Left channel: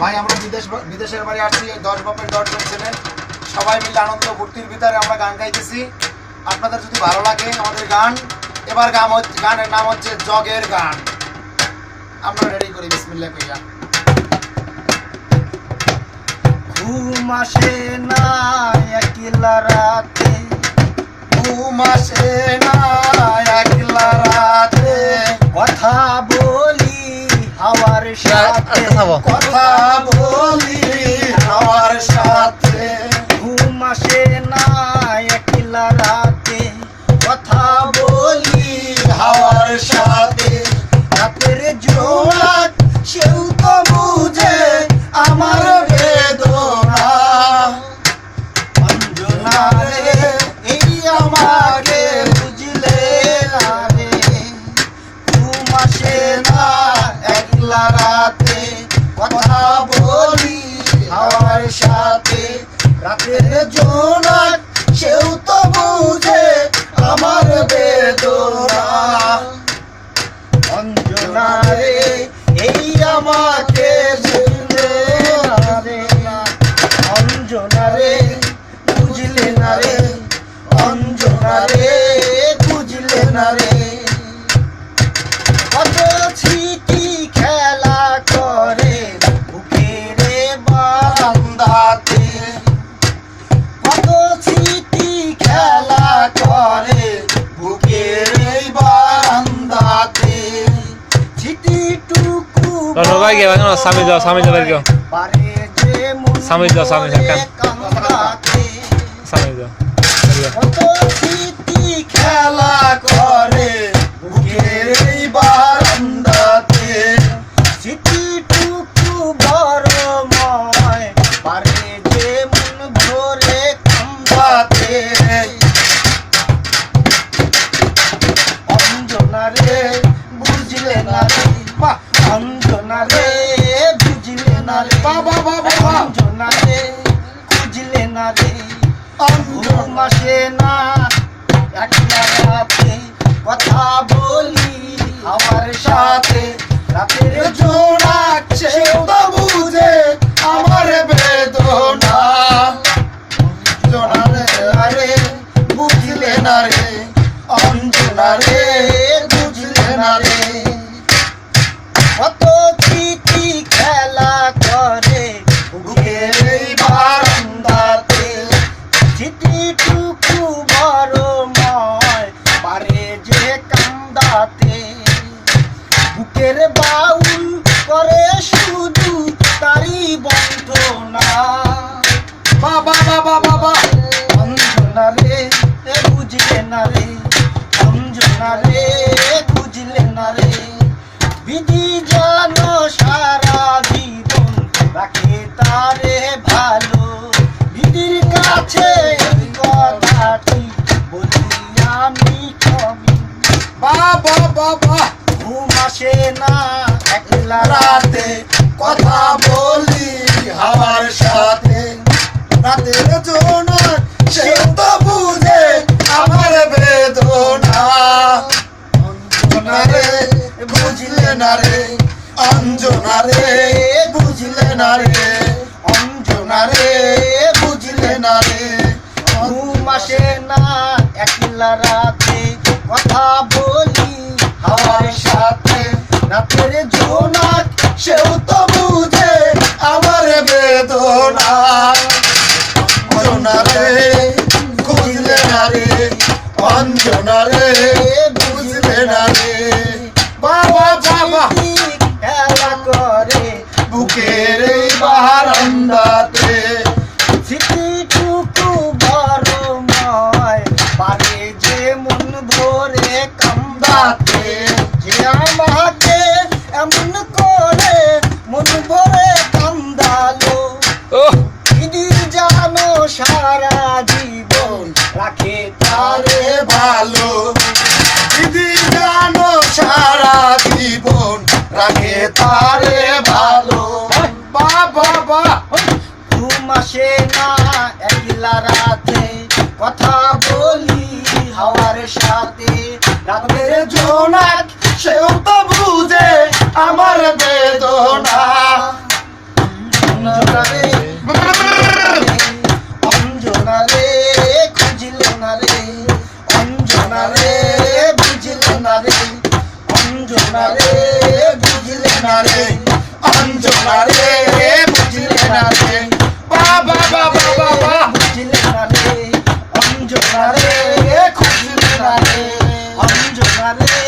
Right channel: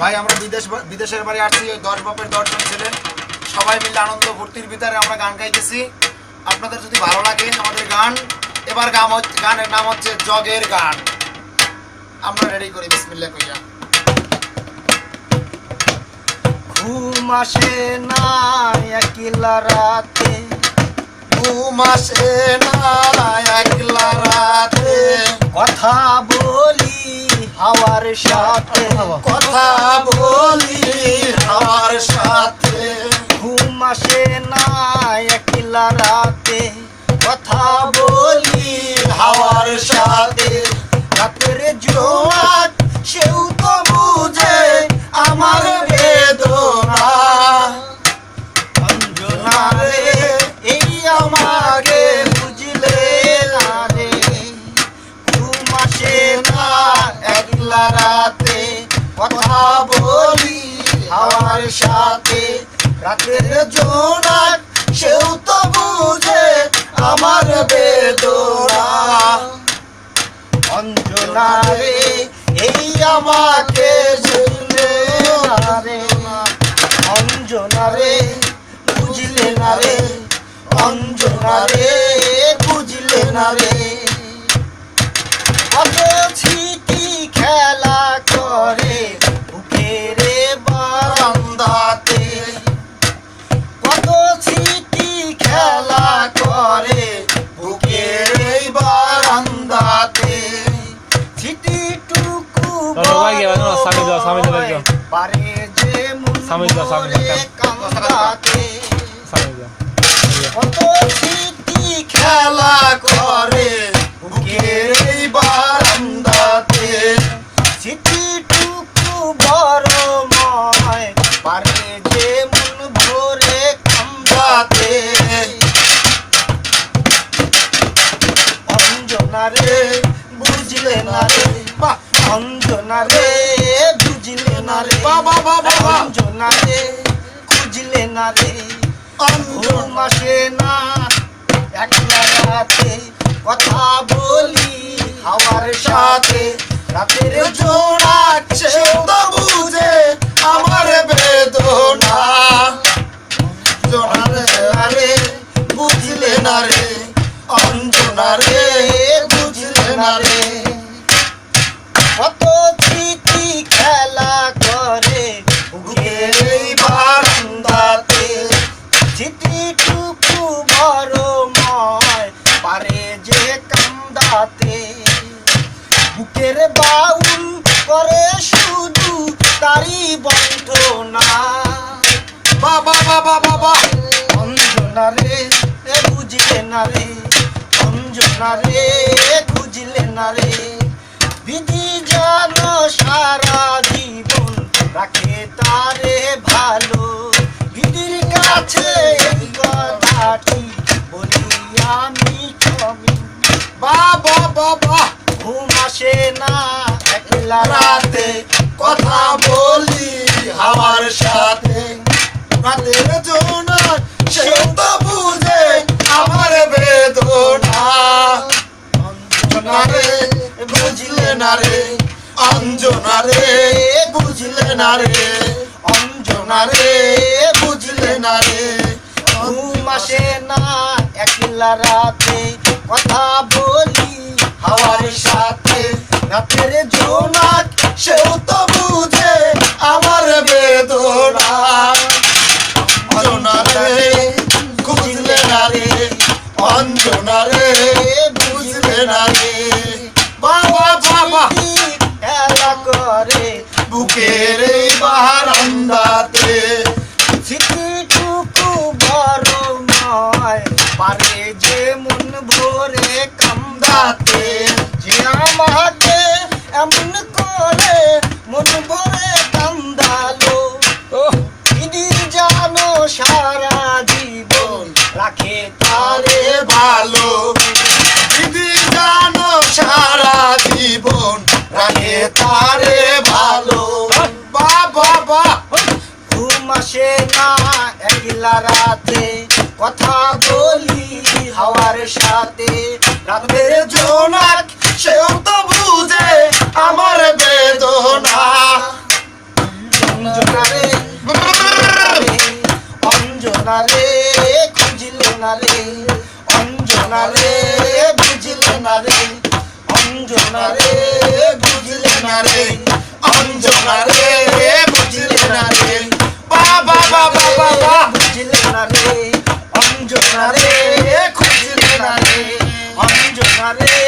ভাই আমরা বিদেশের বাড়ি আসছি, ওই 10 বাপের 10 জন ছেলে সবাই মিলে আনন্দ ফুর্তির ভিতরে আমরা গান গাইতেছি। আপনাদের যদি ভালো লাগে আমাদের গান, এবার গানের নাম হচ্ছে জগের গান। আমরা রেডি করি, বিসমিল্লাহ কইয়া। ঘুম আসে না একলা রাতে, ঘুম আসে না একলা রাতে, কথা বলি হাওয়ার সাথে, কথা বলি হাওয়ার সাথে। ঘুম আসে না একলা রাতে, কথা বলি হাওয়ার সাথে। রাতের জোনাক সেও তো বুঝে আমার বেদনা। অঞ্জনা রে এই আমাকে বুঝলে না রে, ঘুম আসে না একলা রাতে, কথা বলি হাওয়ার সাথে। রাতের জোনাক সেও তো বুঝে আমার বেদনা। অঞ্জনা রে এই আমাকে বুঝলে না রে, অঞ্জনা রে বুঝলে না রে, অঞ্জনা রে বুঝলে না রে। কত ছিটি খেলা করে বুকের বারান্দাতে, কত ছিটি খেলা করে বুকের বারান্দাতে। ছিটিটুকু পারে যে মন কান্দাতে, কত ছিটি খেলা করে বুকের বারান্দাতে। ছিটিটুকু বড়ময় পারে যে মন ভরে কান্দাতে। অঞ্জনা রে বুঝলে না রে, অঞ্জনা রে বুঝলে না রে, অঞ্জনা রে বুঝলে না রে। ঘুম আসলে না একলা রাতে, কথা বলি হাওয়ার সাথে। রাতের জোনাক সেও তো বুঝে আমার বেদনা। অঞ্জনা রে বুঝলে না রে, অঞ্জনা রে বুঝলে না রে। কত চিঠি খেলা করে বুকের বারান্দাতে, চিঠিটুকু বড়ময় পারে যে কান্দাতে। বুকের বাউল করে শুধু তারি বন্ধনা। বাবা বাবা বাবা অঞ্জনা রে বুঝলে না রে, অঞ্জনা রে বুঝলে না রে। বিধি যেন সারা জীবন রাখে তারে ভালো, বিধির কাছে এই কথাটি বলি আমি ক্ষমি। বাবা বাবা ঘুম আসে না একলা রাতে, কথা বলি হাওয়ার সাথে। রাতের জোনাক সেও তো বুঝে আমার বেদনা। অঞ্জনা রে বুঝলে না রে, অঞ্জনা রে বুঝলে না রে, অঞ্জনা রে বুঝলে না রে। ঘুম আসে না একলা রাতে, কথা বলি হাওয়ার সাথে। রাতের জোনাক সেও তো বুঝে আমার বেদনা। অঞ্জনা রে বুঝলে না রে, অঞ্জনা রে বুঝলে না রে। বাবা বাবা খেলা করে বুকের বারান্দাতে, ছিটিটুকু বড়ময় পারে যে মন ভরে কান্দাতে। যে আমাকে এমন করে না রে অঞ্জনা রে বুঝলে না রে অঞ্জনা রে বুঝলে না রে অঞ্জনা রে বুঝলে না রে বাবা বাবা বাবা বুঝলে না রে অঞ্জনা রে খুঁজলে না রে অঞ্জনা রে